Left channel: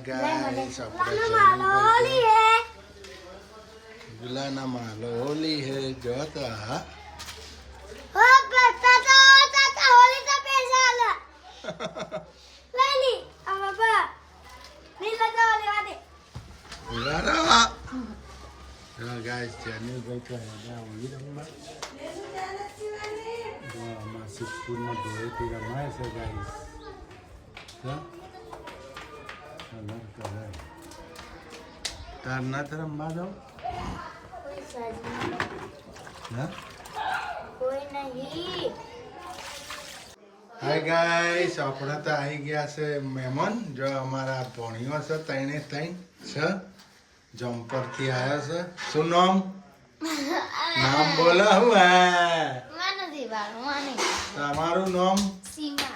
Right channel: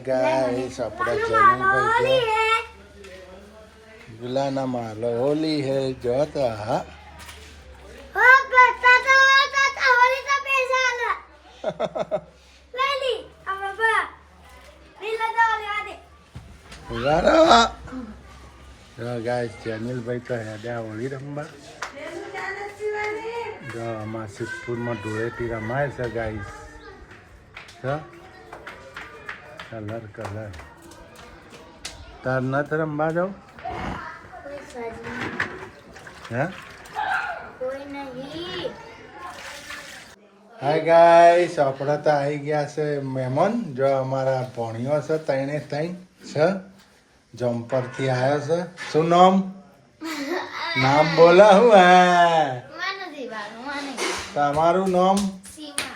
Guys अपना channel पर गुलाना मालो होली है जो था हो पता तो होली तो पैसा वाला लाली अब बाबा नहीं लगा वाले गुलाना जो गाइस चैनल पर तो है क्या होली रंबा जो हमारे सिद्धपुर में धुएटी रमाए से गाइस तो कलर कलर तार ना रंबा जाओ कोई नहीं हाय गाइस अपना तो आई गया से मेहमान जो हमारा भणियो से तैने तैन छ जम्पर थी आयो से શું નામ બોલો હું હે मानो दीवार माने તમારું નામ सीमा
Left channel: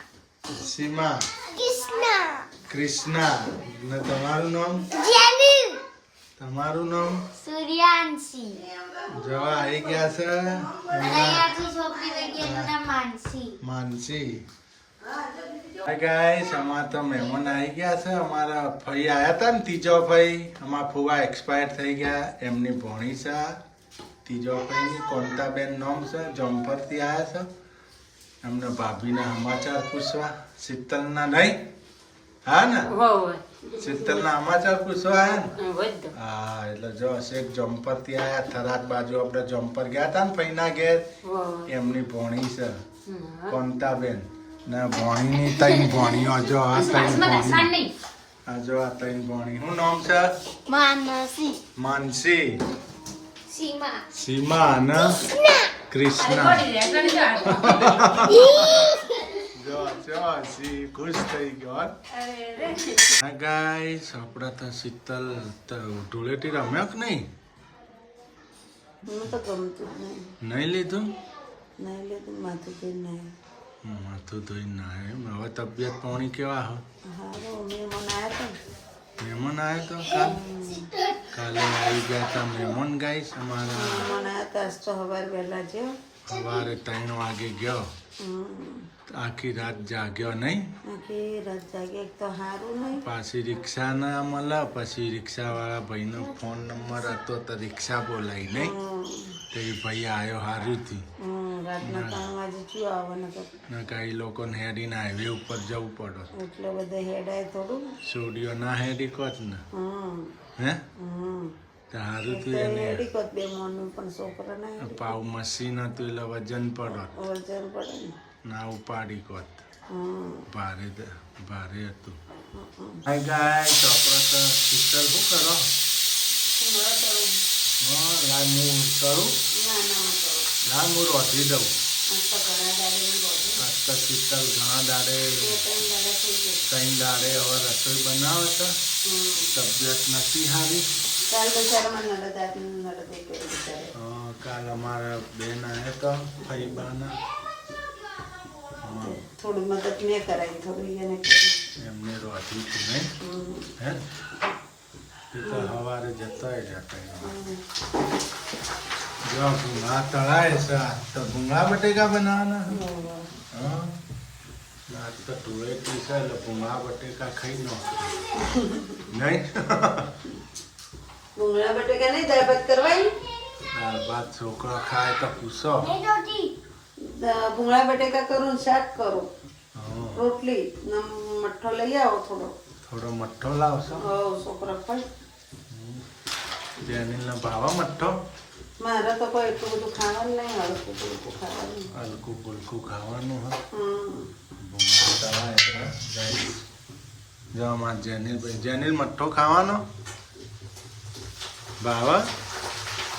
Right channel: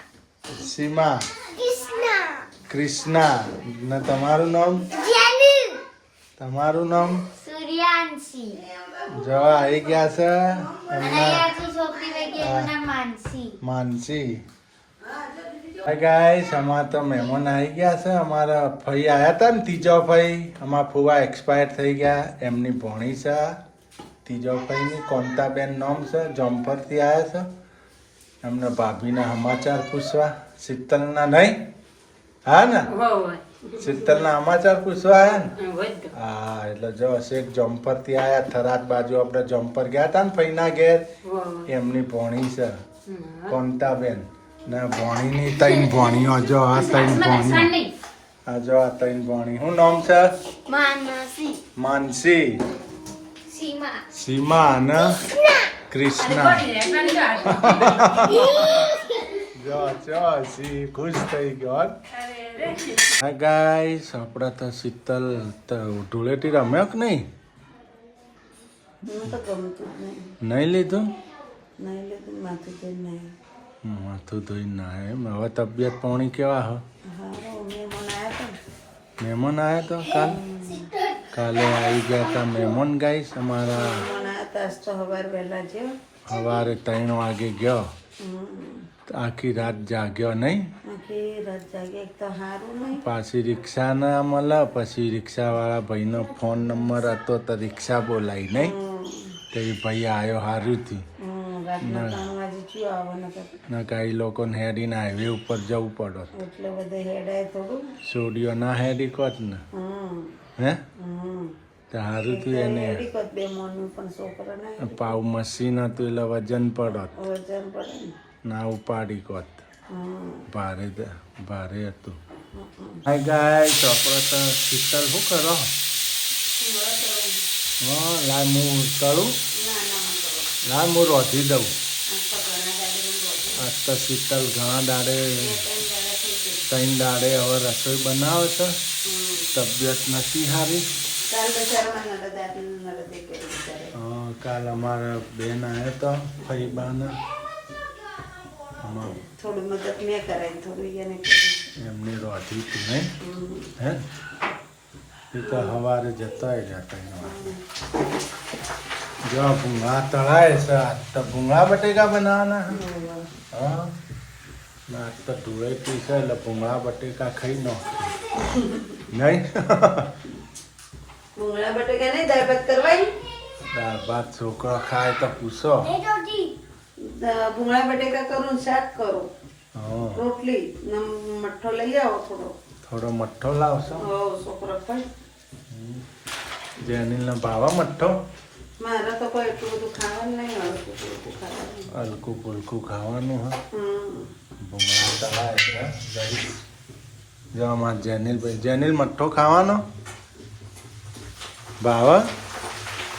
સીમા कृष्णा કૃષ્ણા ને તમારું નામ जेनी તમારું નામ सूर्यांशी જો આવી ગયા છે એમના અહીંયા છોકરી વગેરે ના માનસી માનસી हाय गाइस हमारा तो मेहमान आई गया છે અમારા ફઈ આયા હતા ને ત્રીજો ફઈ અમારા ફુવા એક્સપાયર થઈ ગયા એમની ભણી છે ત્રીજો ફઈની કોંતાબેન નામ છે જમ્પરથી આવ્યા છે એમને ભાભીના સમાચાર પૂછવા શીતલના નહીં હા ને શીતલના સમાચાર પૂછવા આવ્યા ને હા એટલે જો શેખ જમ્પરથી આવ્યા થરાદ બાજુ આપણે જમ્પર ગયા હતા ને ફઈના ઘેર એમની ભણી છે કોંતાબેન ને ભણીની ત્રણ ભણીઓ જો આ ત્રણ ભણીઓ આ જો આ ત્રણ ભણી શું નામ છે માનસી માનસી सीमा સીમા અને કૃષ્ણા જો જો સી ખુશ થઈ ગયો હા ગાઈસ આપણે તો શીતલ તો ધૂળેટી રમ્યો કે નહીં નહીં લીધું માથું ધોઈ ના એમ હવે તબિયત પાણી કેવા હો મહેમાન આવ્યા તો કાલે આવી ગયા હતા મહેમાન ગાઈસ અમારા સવારે 3 વાગે ગયો આખી રાત જાગ્યો નહીં પાછી રિક્ષા ના મળે પછી રિક્ષાવાળા ભાઈનો ફોન નંબર હતો તો રિક્ષા બોલાવી નહીં તો એ ભાઈ આવ્યો સારું થયું ના કઈ લોકોને હેડીને હાઈવે ઉપર જવું પડત સોડિયો ના હેડી કોત ને હે તો સારું થયું એને પાવ મશીન હતું એટલે વજન પડત ના ઉપાડી કોત ભારે હતું હાય ગાય ચોપડો તો શીતલ શું કરો હા લાય હું તળું લાય હું રોધી દઉં આજ તો શીતલ ઘણા દાડે 3 દાડે હવે રસોઈ બનાવે છે તબિયત નથી સારી હા કાલ અમારા બેન આવ્યા તો ફઈબાના થોડું મદદ મેં કરાવી થોડું એને એમને રોધી હતું નહીં હે એ તો સવારે જતો રહ્યા જો ભૂંગળા તળાય છે આજ તો ભૂંગળા બટેકા બનાવવાના હા આજ તો ધૂળેટી છે એટલે ભૂંગળા બટેકા ખાઈ નો નહીં ભૂંગળા બટેકા નહીં દાળ ભાત કરવાય દાળ ભાત છોકરો ખાય તો પૂછો ભૂંગળા બટેકા કરું શાક કરું રોટલી મઠ્ઠો લઈ આવો થોડો મઠ્ઠો લાવશો છોકરો ખાય જેનીલનો ભાવા મઠ્ઠો મારે તો કોઈ એટલું બધું ખાવાનું નહીં હલકું ફુલકું ખાવાનું હા ભૂંગળા તળાય છે જો અમારા જેનીલભાઈ જેનીલ મઠ્ઠો ખાવાનો ભાવા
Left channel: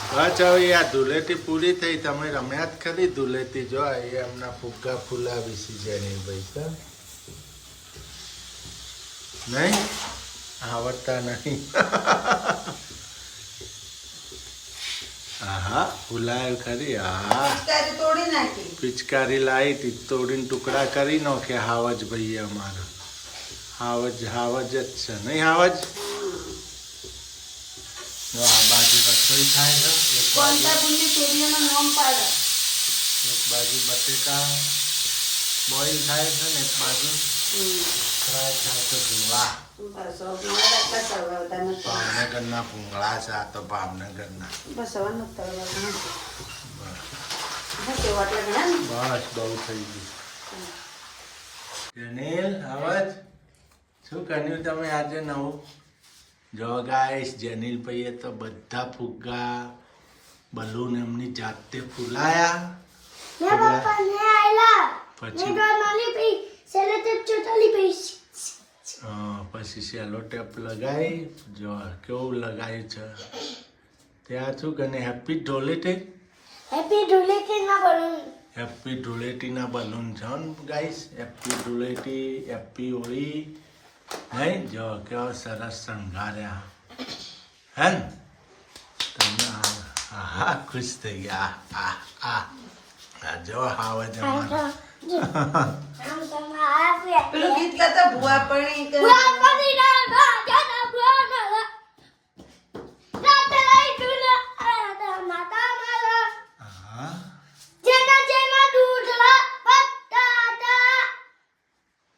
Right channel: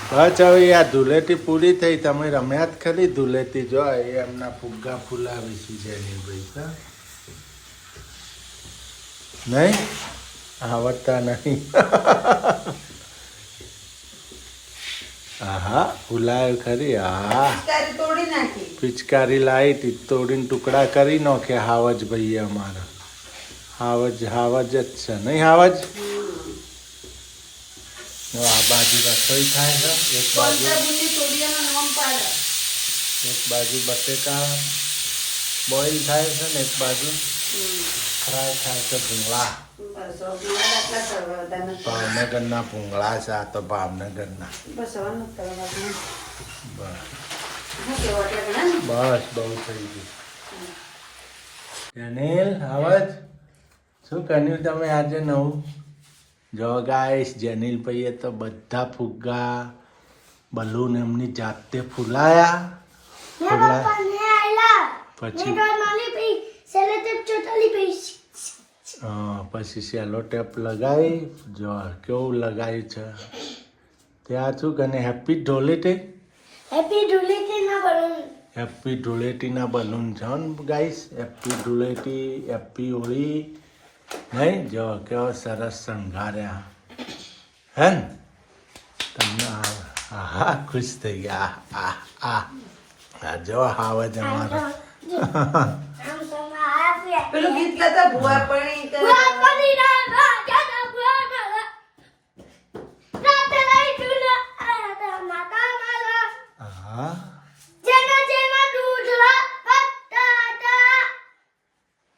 બસ હવે આ ધૂળેટી પૂરી થઈ તમે રમ્યા જ ખરી ધૂળેટી જો એ એમના ફુગ્ગા ફૂલાવી છે જેનીલભાઈ સર નહીં આવડતા નહીં હા ફૂલાયું ખરી હા પિચકારી લાવી હતી તોડીને ટુકડા કરી નાખે હાવજ ભાઈ અમારા હાવજ જ છે નહીં હાવજ આ બાજુ રસોઈ થાય છે એક બાજુ બટેકા બોઇલ થાય છે ને એક બાજુ ફ્રાય થાય છે ભૂંગળા બસ હવે મારે આટલા તળવા બધા નથી. ભાવનગરના ભૂંગળા છે આ તો ભાવનગરના. બસ હવે નથી તળવા. બસ હા કેવા એટલે ઘણા ને. બસ બહુ થઈ ગયું. જેનિલ આવાજ શું કર્યું તમે આજે નવું? જો ગાઈસ જેનિલ ભાઈએ તો બધા ફુગ્ગા બલૂન એમની જાતે ફૂલાયા. પછી સેલો ટેપ લગાવી જો કેવું લગાવ્યું છે ત્યાં શું કને હેપી ધૂળેટી હેપી ધૂળેટીના બલૂન છે ને guys. Happy Dhuleti happy Holi નહીં જો કેવો સરસ શણગાર્યા હે ને તમને હા ખુશ થઈ ગયા. આ જો હાવજ અમારા પેલું ગીત ગાતા ભુવા પડી કે હા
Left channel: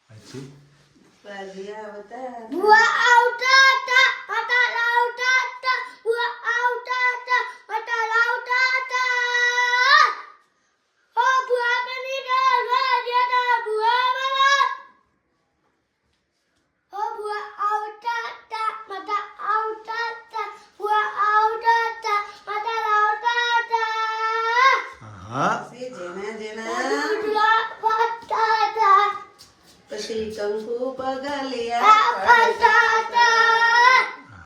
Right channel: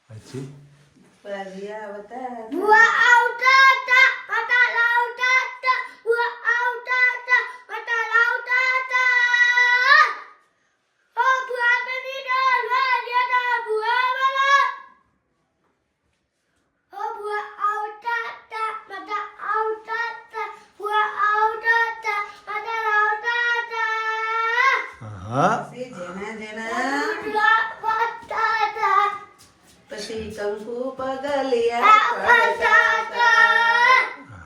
પછી રાજીયા આવતા. હા પછી જેના પછી કંકુ પગલિયા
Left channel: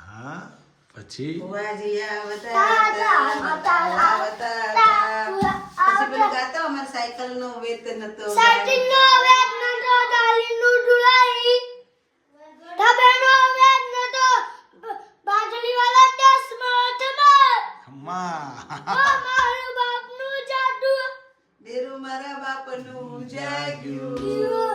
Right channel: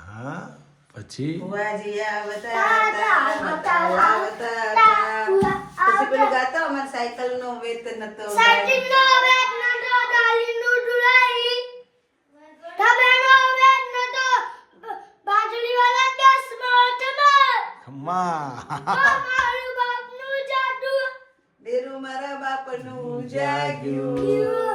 હા પછી ભુવાજીયા આવતા. પછી પેલું ગાતો અમારે સાયકલ નો વેત નતો. દેરું મારા બાપનું જાગ્યું.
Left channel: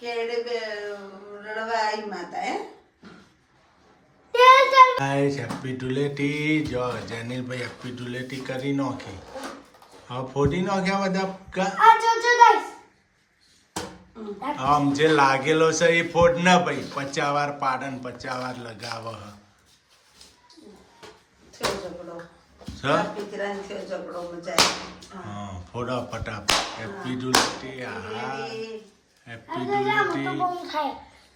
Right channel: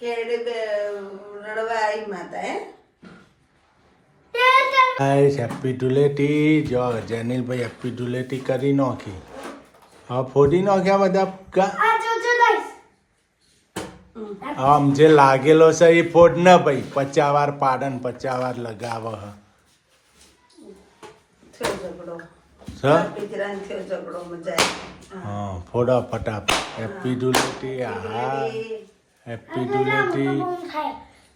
કેડે રડવા આવી માતા હે. ગાઈસ હેપી ધૂળેટી જો જેનિલભાઈ હેપી ધૂળેટી કરી નાખી. હવે ફોડી નાખ્યા બધા ફુગ્ગા. આમ જે લાગેલો છે એ ફોડ ન ભાઈ 50 વાર પાડન 50 વાર લગાવ થયો ઝઘડો. હ દીકરાને થયો ઝઘડો મજા આવી. હા ફોડો ફટાફટ હેપી ધૂળેટી હા હેપી ધૂળેટી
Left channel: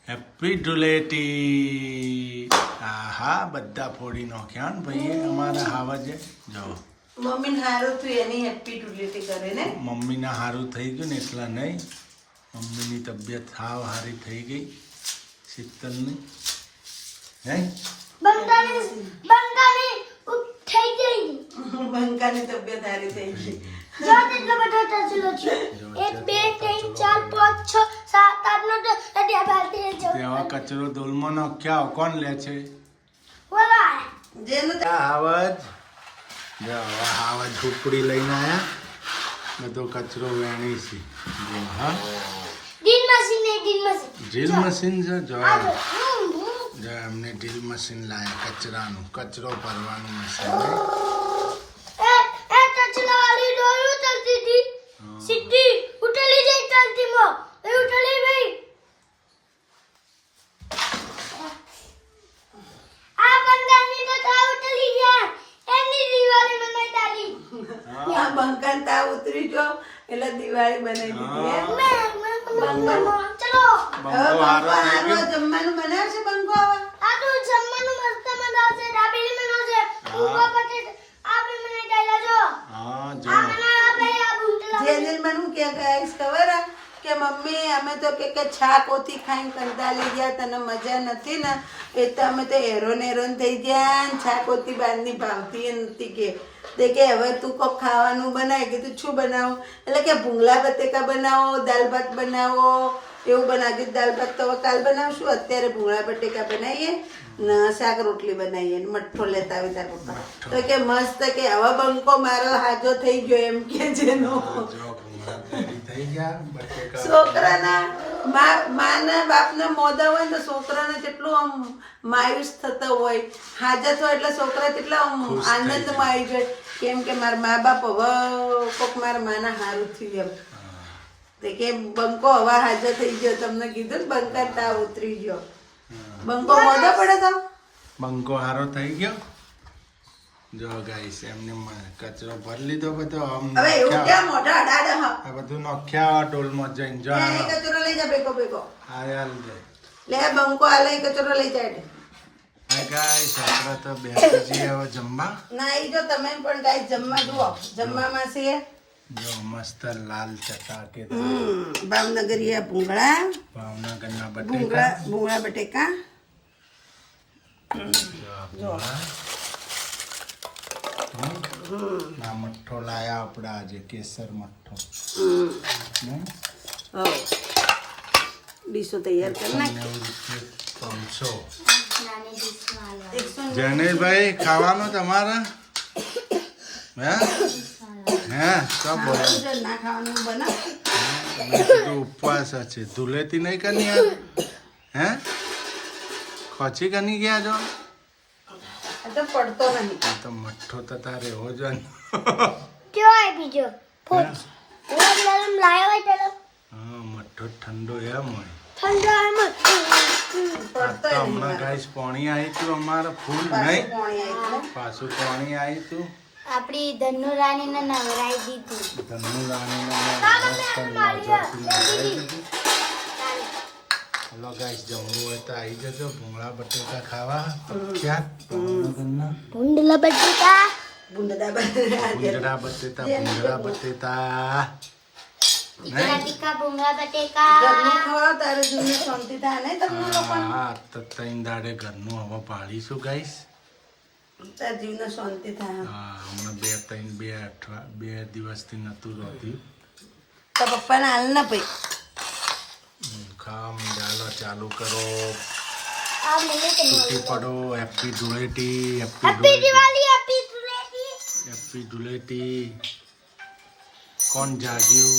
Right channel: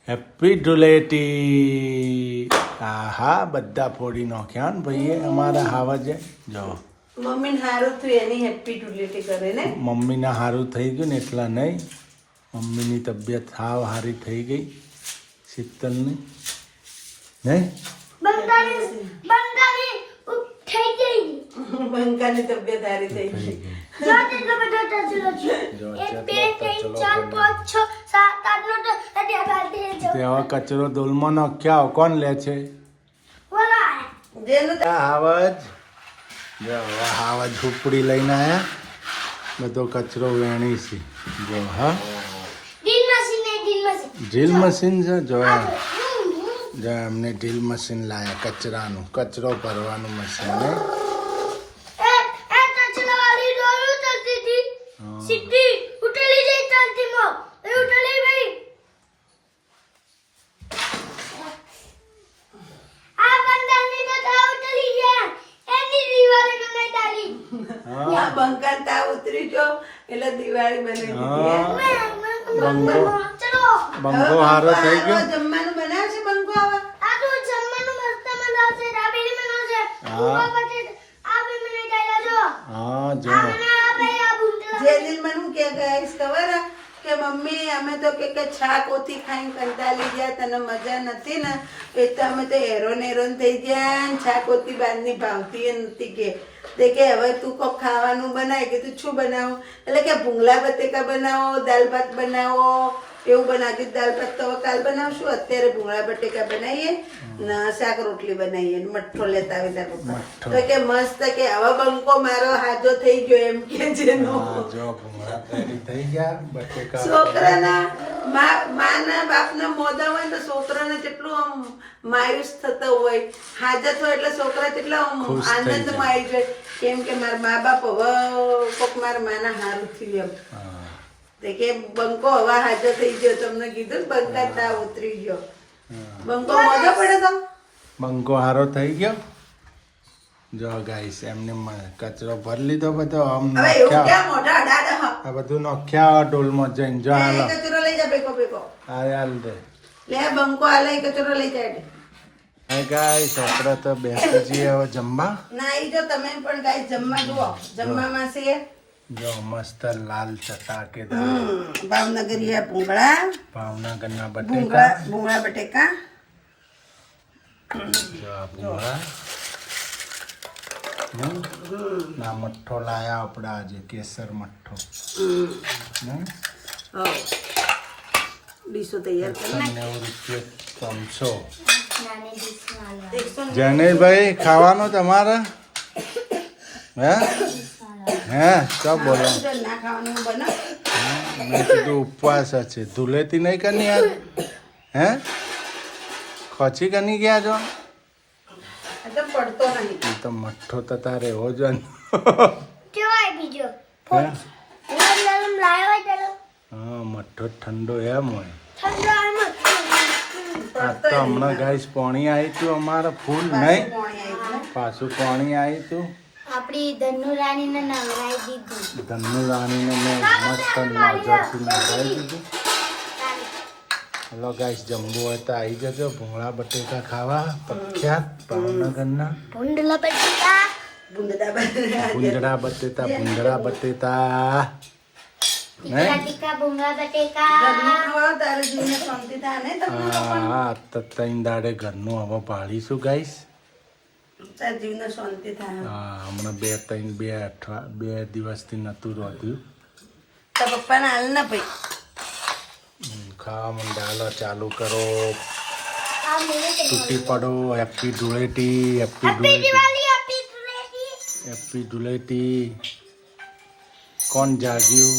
હેપી ધૂળેટી હા બધા ફોડી નાખ્યા ને ભાઈએ અમારા હાવજે જો મમ્મીને હારું થયું એની હેપી ધૂળેટી કરે ને. મમ્મીના સારું થઈ ગયું ને એટલા નહીં મમ્મીની તબિયત સાવ સારી થઈ ગઈ શીતલની નહીં બંકાની તબિયત હારી થઈ થઈ ગઈ. ગઈ તેવા કચરો દોલમાં નાખ્યા કોણ લે છે જેનું હાવજ જો હાવજ ઝૂંપડી લઈને આયા બધો કચરો વેણી છે જો હા ડ્રીલ મશીન છે જોયા જો એમને ડ્રીલ મશીન લાયા કચરાનું કચરો ભરવાનું મશીન નહીં આ બંકાન તાવ ઉતરી ગયો એટલે દિવાળી બનાવી દીધી. બંગો હારો થઈ ગયો જમવાનું બનાવશે બંકો હવે? હા જો જેનિલ મને હું કે ગાઈસ ખબર હે? કે મમ્મી અમે તો કે છાક ઓથી ખાઈને કંટાળી ગયા તને મજા નથી ને એ તો અમે તો હેરોન થઈ ગયા ને છાક ઓથી બારની ભાવતી એ નથી કે તે કે હવે તું કોક ખાવાનું બનાય કે તું શું બનાવું એટલે કે ભૂંગળા બટેકા બનાવો દાલ ભાત બનાવો એવું બનાવજો. દાલ ભાત તો હવે કાલ બનાવશું. અત્યારે ભૂંગળા બટેકા બનાવીએ ને શાક રોટલી બનાવીએ ને મઠ્ઠો લેતા આવે ત્યાં પપ્પા. મઠ્ઠો. તો કે મસ્ત કે હવે બંકો મારો હાજો થઈ ગયો એમ કે છે નો. હા, જો ભૂંગળા રેડી થઈ ગયા બટેકા છોકરાના માના બાપના મોઢા હોય ને તો છોકરાને કેટલું આમ માયુસ થતો હોય. હાજર હોય એટલે છોકરા કેટલા આમ ખુશ થઈ જાય. આનંદમાં આવી જાય કેમ કે મારા મા બાપ હવે કોક મારા માના હારું થયું એમ. હા, તે કે બંકો હવા હાજર થઈ ગયો. તમને કીધું ને બંકા તાવ ઉતરી ગયો. હા. બંકો મોઢો પડે તો બંકો હારો થઈ ગયો. જો ગાઈસ એમને કચરો ભરી લીધો બધો આમ હવે એવું નોખ્યા ક્યાં મોઢા અડાડે હા. આ બધું નોખ્યા ડોલમાં જઈને જો હાલો એ કચરો લઈ જા બેકો બેકો. આ હાલ દે લે બંકો હાલે એ કચરો લઈ જાય. હા ગાઈસ આપણે તો બેસી જઈએ હવે જમવા. ના ઈ જો તમે પણ ગાય જમવા જુઓ. જમવામાં છે જો મસ્ત લાલ ચટાકે ભાવનગરીયા ભૂંગળા ભાવનગરના ભૂંગળા બટેકા ભૂંગળા બટેકા. જો આ ભૂંગળા ના મઠ્ઠો લાયા આપણે આજે કેસર મઠ્ઠો હમ? ડીશો તૈયાર કરી નાખ. 90 રૂપિયા 300. નાની ડીશમાં હાલવા. 100 ગણેશભાઈ ખાવાનું તમારે હે હે શું બોલો ના ખાવાનું બનાવ. મેં કીધું ઉપવાસ છે ધૂલેતી નહીં કરની યાર હે ખોચી કની ગયા છો આ તો પડતો નહીં. એ તો મઠ્ઠો તો તારે એવો જ ને. કયો આય બીજો? હે? ગરમ ગરમ લાવ્યો હોય પેલો. હા મઠ્ઠો ઠંડો એમ હોય ઠંડો આનો. આ તો હમણાં ગાઈસ પાણી આવી તું અમારે ફૂલ નહીં પાણી આવી પાછું પાણી આવી તું આપણી ધનુ રાણીને નવરાઈ દીધું. ધનુ રાણીને મેં મસ્ત નજરથી નવરાવી દીધું. હલો ગાઈસ જમવું હોય તો આવી જજો ભૂંગળા બટેકા ખાવા પ્રખ્યાત ભાવનગરના ભૂંડલા બટેકા. ભૂંડડા ભૂંગળા બટેટા ભૂંગળા બટેટા બટેકા ભૂંગળા બટેકા. ઘરનું ખવાઓ તારે જીવને શાંતિ થાય ને તમને હા તો ત્રણ દાડે ઘરનું હવે પાડીશું ગાઈસ. તાર જીવને શાંતિ થાય. હા હમણાં બે દિવસથી નતું રોધ્યું. તો પપ્પાને હાલ ના ભાઈ ખાવા મંડાલો ચાલુ કરો આ મેરે તૂટી પડો happy Dhuleti happy happy Dhuleti Diwali happy Dhuleti. Happy Dhuleti કોણ જાગ્યું